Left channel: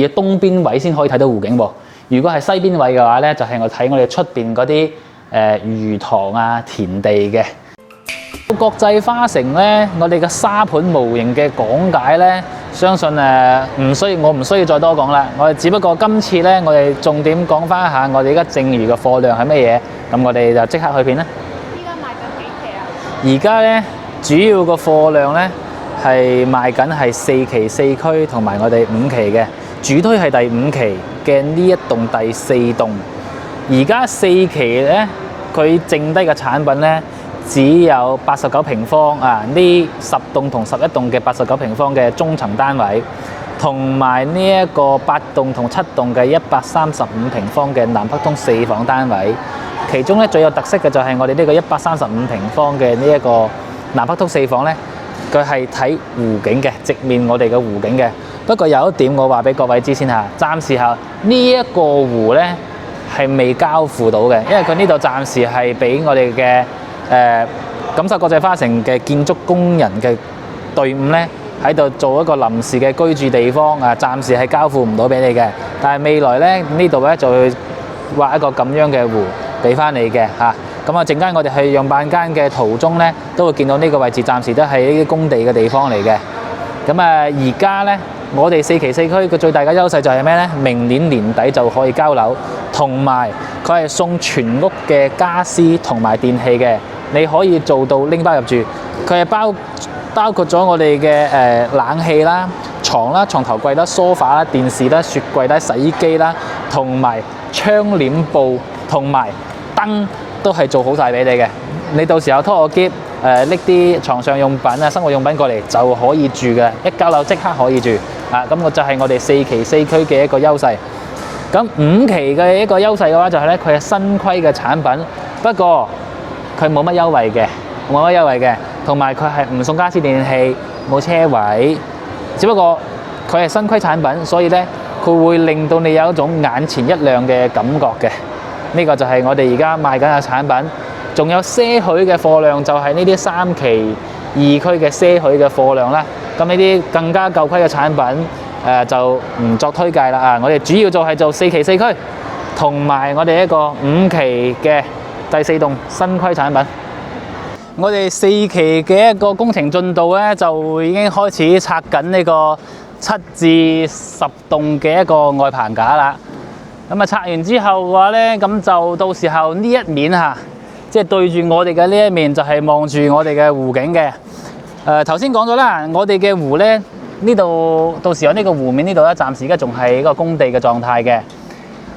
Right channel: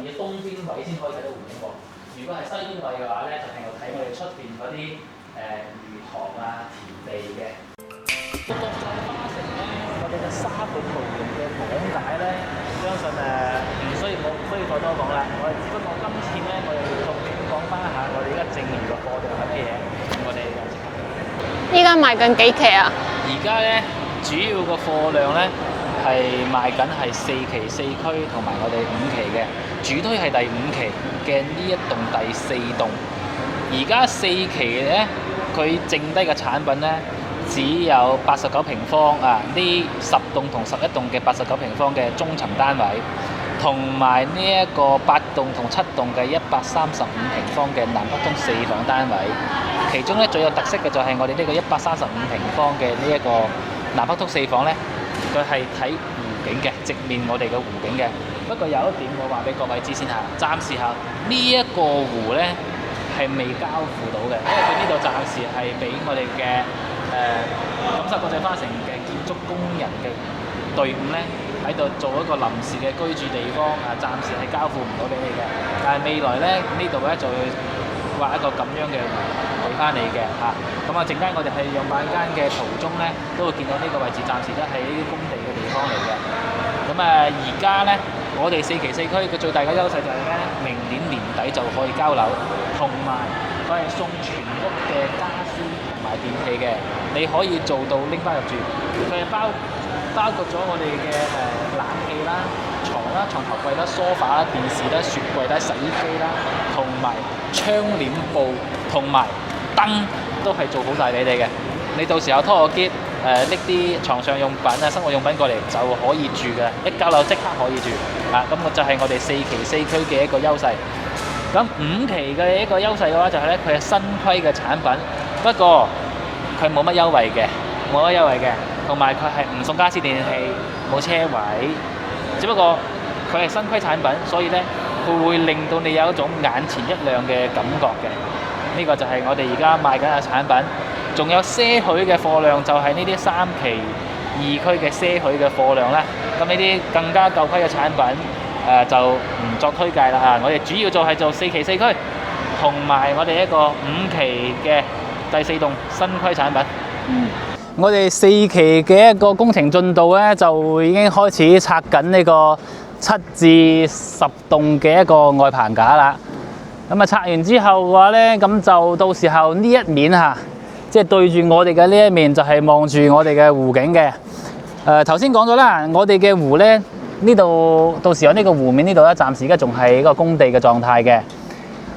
而東邊位先可以睇到湖景喎。如果係西邊位嘅話咧，就係我睇我哋出邊嗰啲魚塘啊、田地嘅。國際花城咧，我哋嘅沙盤模型嘅講解咧，相信我唔需要再多講啦。我哋只不過今次咧，我哋重點講翻一下我哋而家剩餘嘅貨量係乜嘢。咁我哋就即刻去片啦。依家賣緊幾期啊？而家咧主要個貨量咧係賣緊係4期4區同埋我哋5期嘅，主推係第5期嘅呢一棟第4棟。而家4期咧，佢剩低嘅產品咧只有89平方啊！呢10棟同11棟嘅89平方嘅中層單位，同埋呢一個8棟同7棟嘅135平方嘅南北通4房單位。其中咧最有特色嘅就係我哋呢個135平方嘅呢一個南北通4房咧，佢係睇湖景嘅，直面我哋嘅湖景嘅。不過有一點我話俾各位知先嚇，暫時下呢一個湖咧係未交付到嘅，因為佢呢度暫時係俾我哋嘅錦繡國際花城嘅建築工人嘅隊伍咧喺度做一個臨時嘅居住地方啊，暫時係交付唔到俾你嘅。但係未來咧呢度咧就會畫一個咁樣嘅湖俾翻你嘅嚇。咁啊，陣間我哋去樣板間嘅途中咧，都會見到呢個位置暫時都係呢啲工地嘅地方嚟嘅。咁啊，而家咧我哋4期4區嘅最大嘅優勢就係咩咧？明年年底就可以交樓，同埋佢係送全屋嘅家私同埋電器嘅，你可以做到拎包入住。佢係包括咗我哋嘅冷氣啦、床啦、床頭櫃啦、梳化啦、電視啦、雪櫃啦、洗衣機啦，同埋窗簾布同埋燈都係做好晒俾你嘅。你到時候拖個篋拎啲床上用品啊、生活用品過嚟就可以住嘅，一交樓即刻可以住啊！咁就係我哋4期4區嘅一個優勢。咁5期嘅一個優勢嘅話就係咧，佢係新規嘅產品，不過佢冇乜優惠嘅，同埋佢係唔送家私電器，冇車位，只不過佢係新規產品，所以咧佢會令到你有一種眼前一亮嘅感覺嘅。呢個就係我哋而家賣緊嘅產品。仲有些許嘅貨量，就係呢啲3期2區嘅些許嘅貨量咧。咁呢啲更加舊規嘅產品，就唔作推介啦啊！我哋主要就係做4期4區，同埋我哋一個5期嘅第4棟新規產品。我哋4期嘅一個工程進度咧，就已經開始拆緊呢個7至10棟嘅一個外棚架啦。咁啊，拆完之後嘅話咧，咁就到時候呢一面嚇。即係對住我哋嘅呢一面就係望住我哋嘅湖景嘅。頭先講咗啦，我哋嘅湖咧呢度到時候呢個湖面呢度咧，暫時而家仲係一個工地嘅狀態嘅。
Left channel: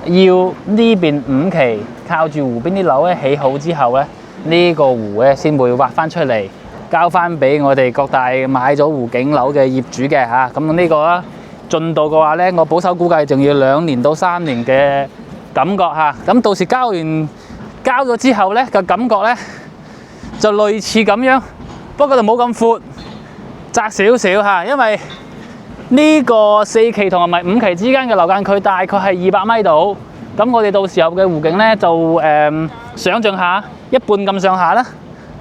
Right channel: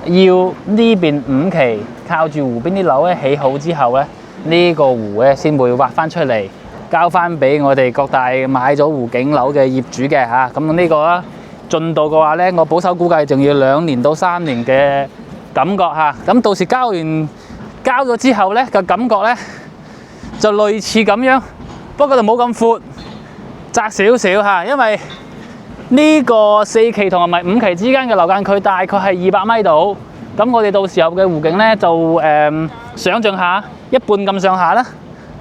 要呢邊5期靠住湖邊啲樓咧起好之後咧，呢個湖咧先會挖翻出嚟，交翻俾我哋各大買咗湖景樓嘅業主嘅嚇。咁呢個啦進度嘅話咧，我保守估計仲要2年到3年嘅感覺嚇。咁到時交咗之後咧嘅感覺咧就類似咁樣，不過就冇咁闊，窄少少嚇。因為呢個4期同埋5期之間嘅樓間距大概係200米度，咁我哋到時候嘅湖景咧就想像下一半咁上下啦，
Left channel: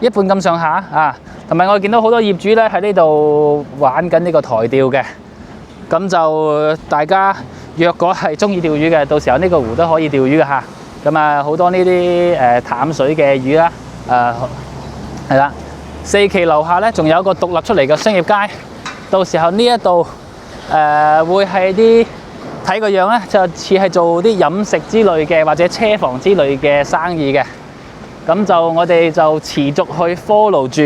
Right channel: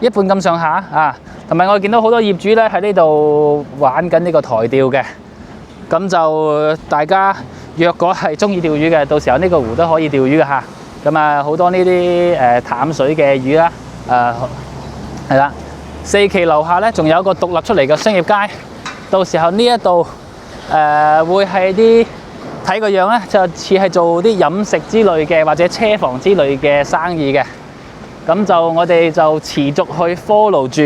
一半咁上下啊。同埋我見到好多業主咧喺呢度玩緊呢個台釣嘅，咁就大家若果係中意釣魚嘅，到時候呢個湖都可以釣魚嘅嚇。咁啊，好多呢啲淡水嘅魚啦，係啦。4期樓下咧，仲有一個獨立出嚟嘅商業街，到時候呢一度會係啲睇個樣咧，就似係做啲飲食之類嘅或者車房之類嘅生意嘅。咁就我哋就持續去 follow 住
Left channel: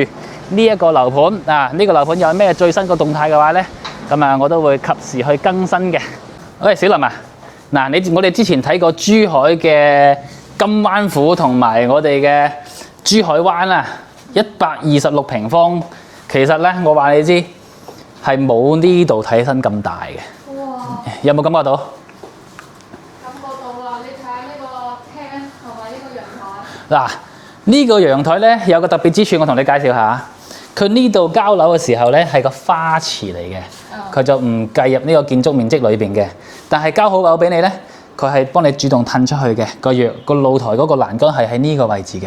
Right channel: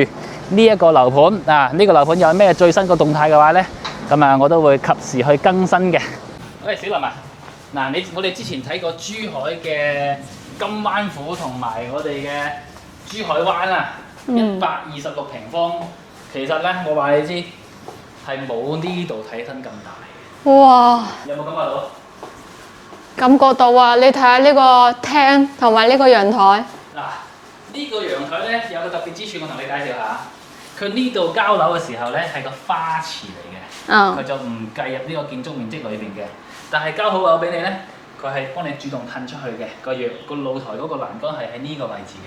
呢一個樓盤啊，呢個樓盤有咩最新嘅動態嘅話咧，咁啊我都會及時去更新嘅。喂，小林啊！嗱，我哋之前睇過珠海嘅金灣府同埋我哋嘅珠海灣啊，126平方，其實咧我話你知係冇呢度睇起身咁大嘅。哇！有冇感覺到？感覺到啊！你睇下呢個廳同埋呢個陽台。嗱，呢個陽台咧有個特別之處，我同你介紹下。佢呢度交樓嘅時候咧係個花池嚟嘅，佢就唔計入呢個建築面積裏邊嘅。但係交好樓俾你咧，佢係幫你主動褪出去嘅。個露台嗰個欄杆係喺呢個位置嘅，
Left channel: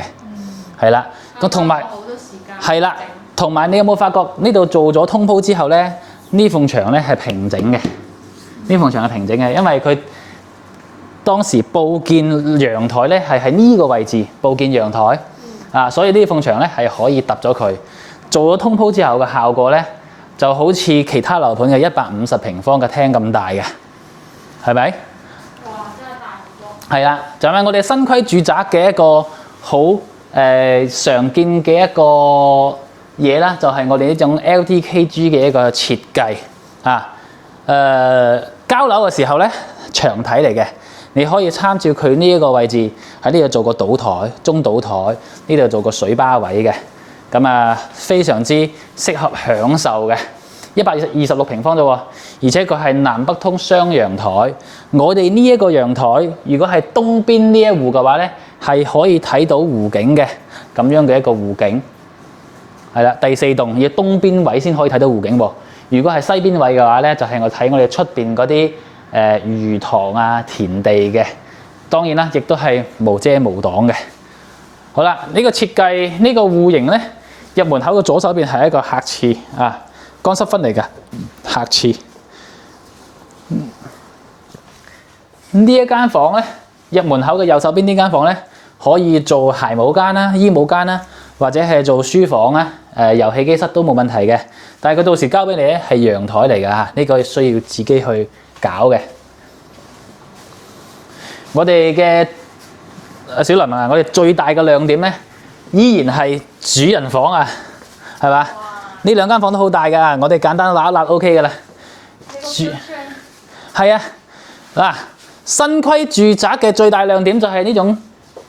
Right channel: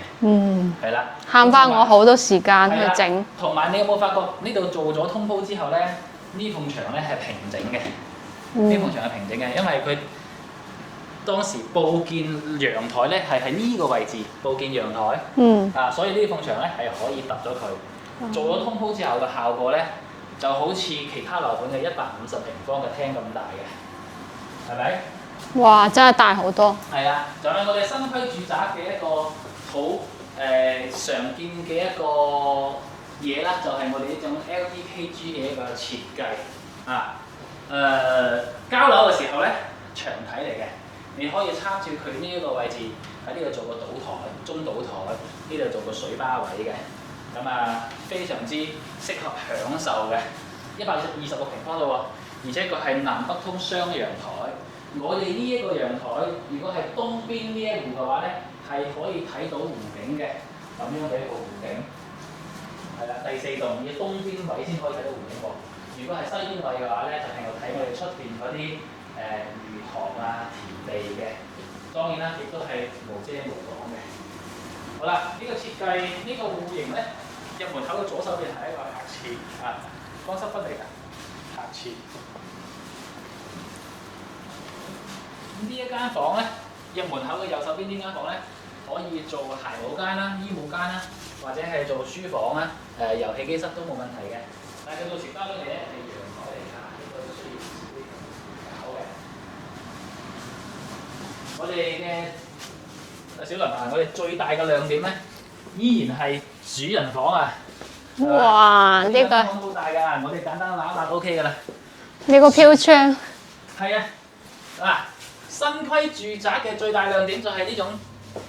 係啦。慳翻我好多時間去整。同埋你有冇發覺呢度做咗通鋪之後咧，呢埲牆咧係平整嘅，呢埲牆係平整嘅，因為佢當時佈建陽台咧係喺呢個位置佈建陽台，所以呢埲牆咧係可以揼咗佢。做咗通鋪之後嘅效果咧，就好似其他樓盤嘅150平方嘅廳咁大嘅，係咪？哇！真係大好多。係啦，就係我哋新規住宅嘅一個好常見嘅一個嘢啦，就係我哋呢種 LDKG 嘅一個設計啊。交樓嘅時候咧，牆體嚟嘅，你可以參照佢呢一個位置喺呢度做個賭台、中賭台，呢度做個水吧位嘅，咁啊非常之適合享受嘅。126平方啫喎，而且佢係南北通雙陽台。我哋呢一個陽台，如果係東邊呢一戶嘅話咧，係可以睇到湖景嘅，咁樣嘅一個湖景。係啦，第4棟要東邊位先可以睇到湖景喎。如果係西邊位嘅話咧，就係我睇我哋出邊嗰啲魚塘啊、田地嘅。當然啦，亦都係無遮無擋嘅。好啦，呢個設計呢個戶型咧，入門口嘅左手邊係一個客廁啊，乾濕分離嘅客廁。呢一間房咧，入門口嘅右手邊呢間房咧，可以做鞋帽間啦、衣帽間啦，或者係做書房啦、遊戲機室都冇問題嘅。但係佢到時交俾你咧係陽台嚟㗎嚇，呢個需要自己去搞嘅。我哋嘅小林啊，我哋最大嘅亮點咧，依然係主人房啊，係嘛？哇！呢兩間房都好大㗎，我哋簡單揦一揦 OK 㗎啦。呢個飄窗係啊，嗱，新規住宅嘅最大亮點就係呢種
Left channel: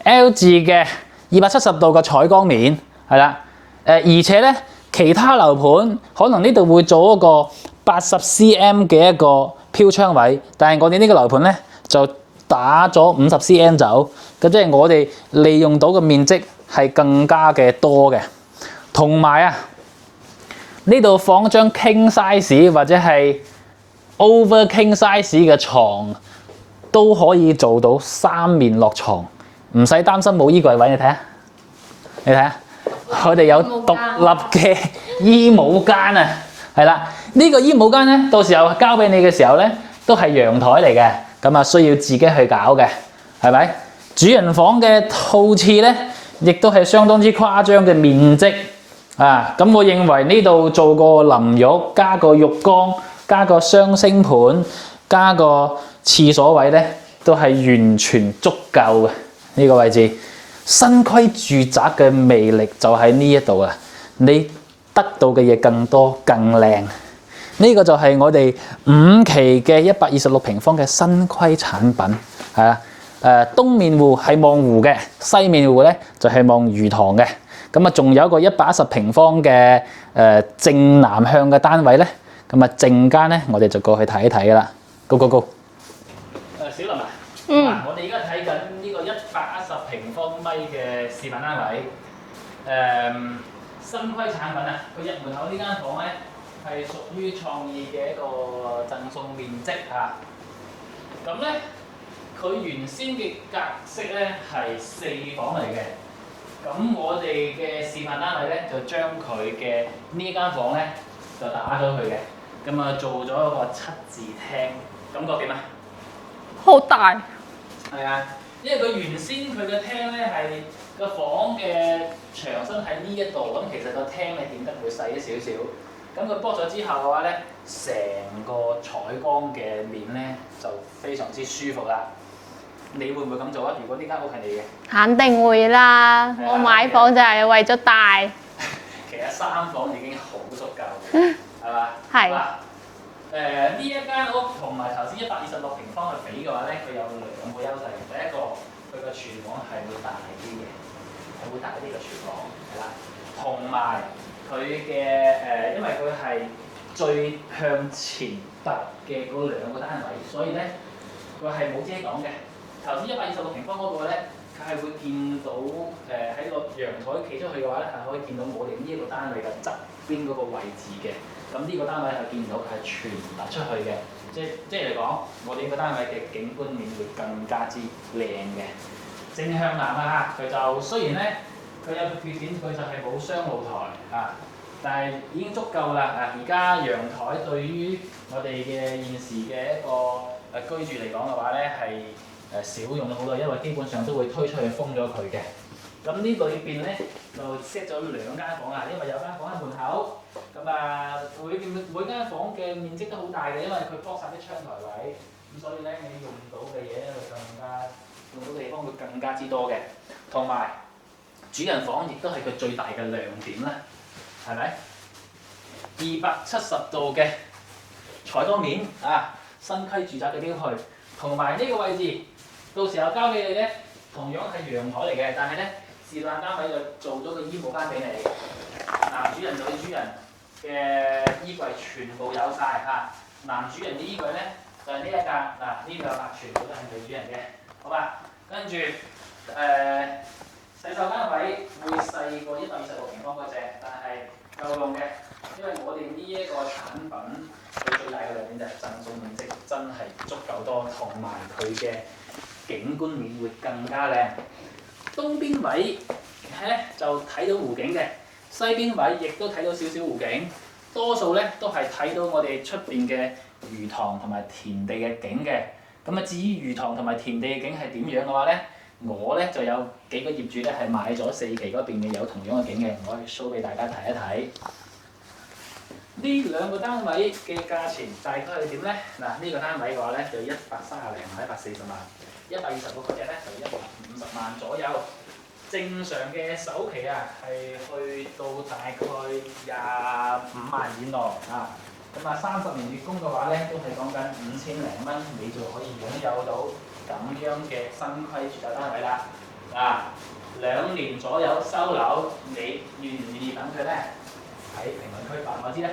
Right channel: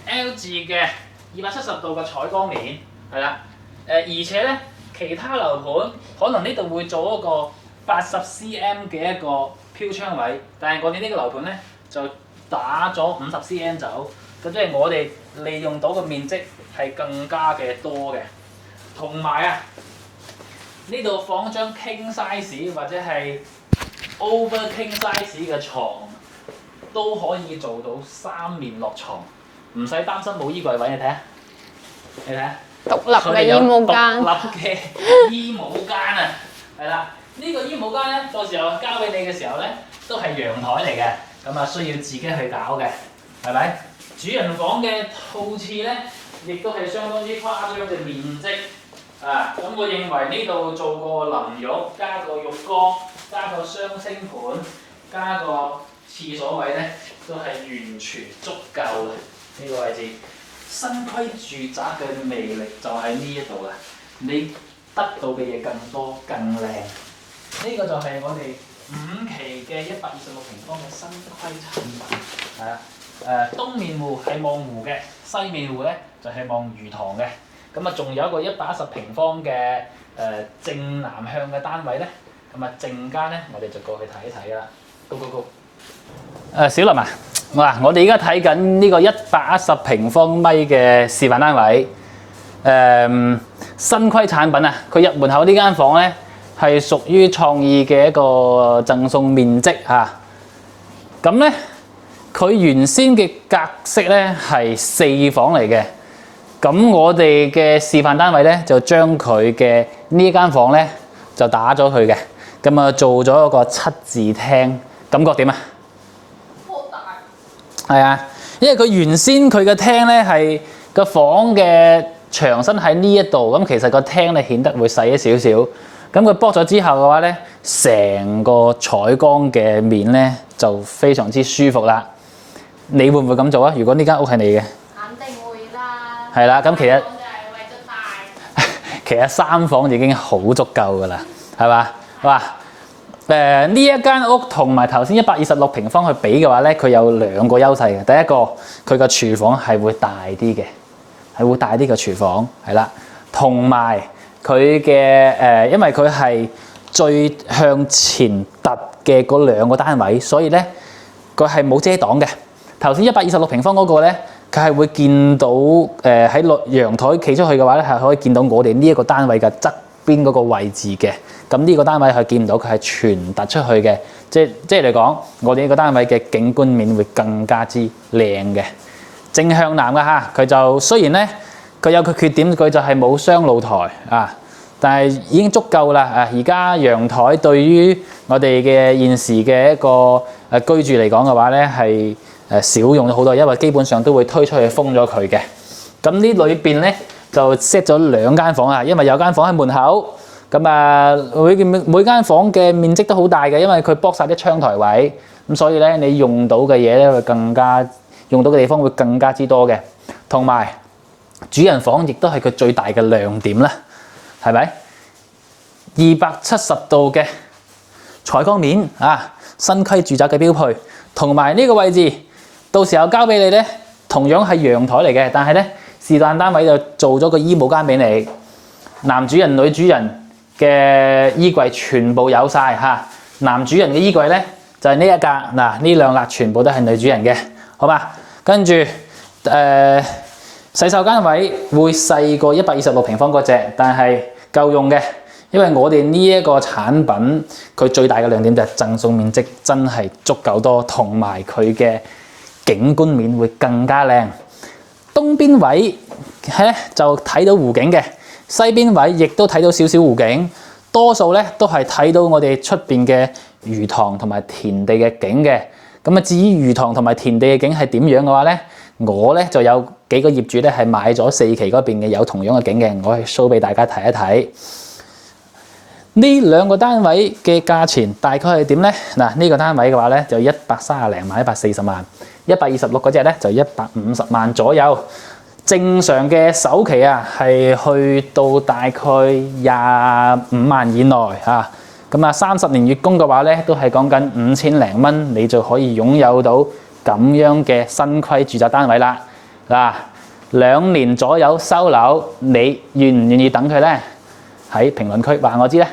L 字嘅270度嘅採光面，係啦。而且咧，其他樓盤可能呢度會做一個80 cm 嘅一個飄窗位，但係我哋呢個樓盤咧就打咗50 cm 走，咁即係我哋利用到嘅面積係更加嘅多嘅。同埋啊，呢度放張 king size 或者係 over king size 嘅床都可以做到3面落床，唔使擔心冇衣櫃位。你睇下，你睇下。佢哋有獨立嘅衣帽間啊，係啦，呢個衣帽間咧，到時候交俾你嘅時候咧，都係陽台嚟嘅，咁啊需要自己去搞嘅，係咪？主人房嘅套廁咧，亦都係相當之誇張嘅面積啊！咁我認為呢度做個淋浴，加個浴缸，加個雙星盤，加個廁所位咧，都係完全足夠嘅呢個位置。新規住宅嘅魅力就喺呢一度啊！你得到嘅嘢更多更靚，呢個就係我哋5期嘅126平方嘅新規產品，係啊。東面戶係望湖嘅，西面戶咧就係望魚塘嘅。咁啊，仲有一個110平方嘅正南向嘅單位咧。咁啊，陣間咧我哋就過去睇一睇㗎啦。Go！小林啊！嗱，我哋而家睇緊呢個110平方米嘅示範單位，新規產品啊！佢入門口呢間房咧係屬於創意嘅一個贈送面積嚇。咁咧，佢原先嘅格式咧係4房嚟嘅，咁我哋嘅示範單位咧就將佢嘅呢間房咧就打咗佢嘅，咁啊做咗一個7字廳，感覺點啊？好大。係啊，因為佢原先佢嘅廳咧係個房嘅牆身喺呢一度，咁其實個廳咧顯得會細一少少。咁佢剝咗之後嘅話咧，成個採光嘅面咧就非常之舒服啦。你會唔會咁做啊？如果呢間屋係你嘅，肯定會啦。係啦，咁其實買房就係為咗大。其實3房已經好足夠㗎啦，係嘛？係。哇！呢一間屋同埋頭先126平方去比嘅話咧，佢有2個優勢嘅。第一個，佢個廚房係會大啲嘅，係會大啲嘅廚房，係啦。同埋佢嘅因為佢係最向前突嘅嗰2個單位，所以咧佢係冇遮擋嘅。頭先126平方嗰個咧，佢係會見到喺陽台企出去嘅話咧，係可以見到我哋呢一個單位嘅側邊嗰個位置嘅。咁呢個單位係見唔到，佢係全突出去嘅，即係嚟講，我哋呢個單位嘅景觀面會更加之靚嘅。正向南嘅嚇，佢就雖然咧佢有個缺點，佢就係冇雙露台啊，但係已經足夠啦。而家陽台對於我哋嘅現時嘅一個居住嚟講嘅話咧，係少用咗好多，因為基本上都會推出去封咗佢嘅。咁呢裏邊咧就 set 咗2間房啊，因為有間房喺門口。咁啊，每間房嘅面積都好大嘅，因為佢駁晒啲窗台位，咁所以咧你用到嘅嘢咧會更加用到嘅地方會更加之多嘅。同埋主人房亦都係佢最大嘅亮點啦，係咪？270度嘅採光面啊，新規住宅嘅標配，同埋呢個位置到時候交俾你咧，同樣係陽台嚟嘅，但係咧是但單位就做咗個衣帽間俾你，男主人女主人嘅衣櫃全部有晒嚇。男主人嘅衣櫃咧就係呢一格嗱，呢2格全部都係女主人嘅，好嘛？跟住洗手間位會細過126平方嗰隻，但係夠用嘅，因為我哋呢一個產品佢最大嘅亮點就係贈送面積真係足夠多，同埋佢嘅景觀面會更加靚。東邊位咧就睇到湖景嘅，西邊位亦都睇到少少湖景，多數咧都係睇到我哋出邊嘅魚塘同埋田地嘅景嘅。咁啊，至於魚塘同埋田地嘅景係點樣嘅話咧，我咧就有幾個業主咧係買咗4期嗰邊嘅有同樣嘅景嘅，我係 show 俾大家睇一睇。呢2個單位嘅價錢大概係點咧？嗱，呢個單位嘅話咧就130零萬、140萬，126嗰隻咧就150萬左右。正常嘅首期啊係去到大概25萬以內啊。咁啊，30年月供嘅話咧都係講緊5000零蚊，你就可以擁有到咁樣嘅新規住宅單位啦。嗱，2年左右收樓，你願唔願意等佢咧？喺評論區話我知咧。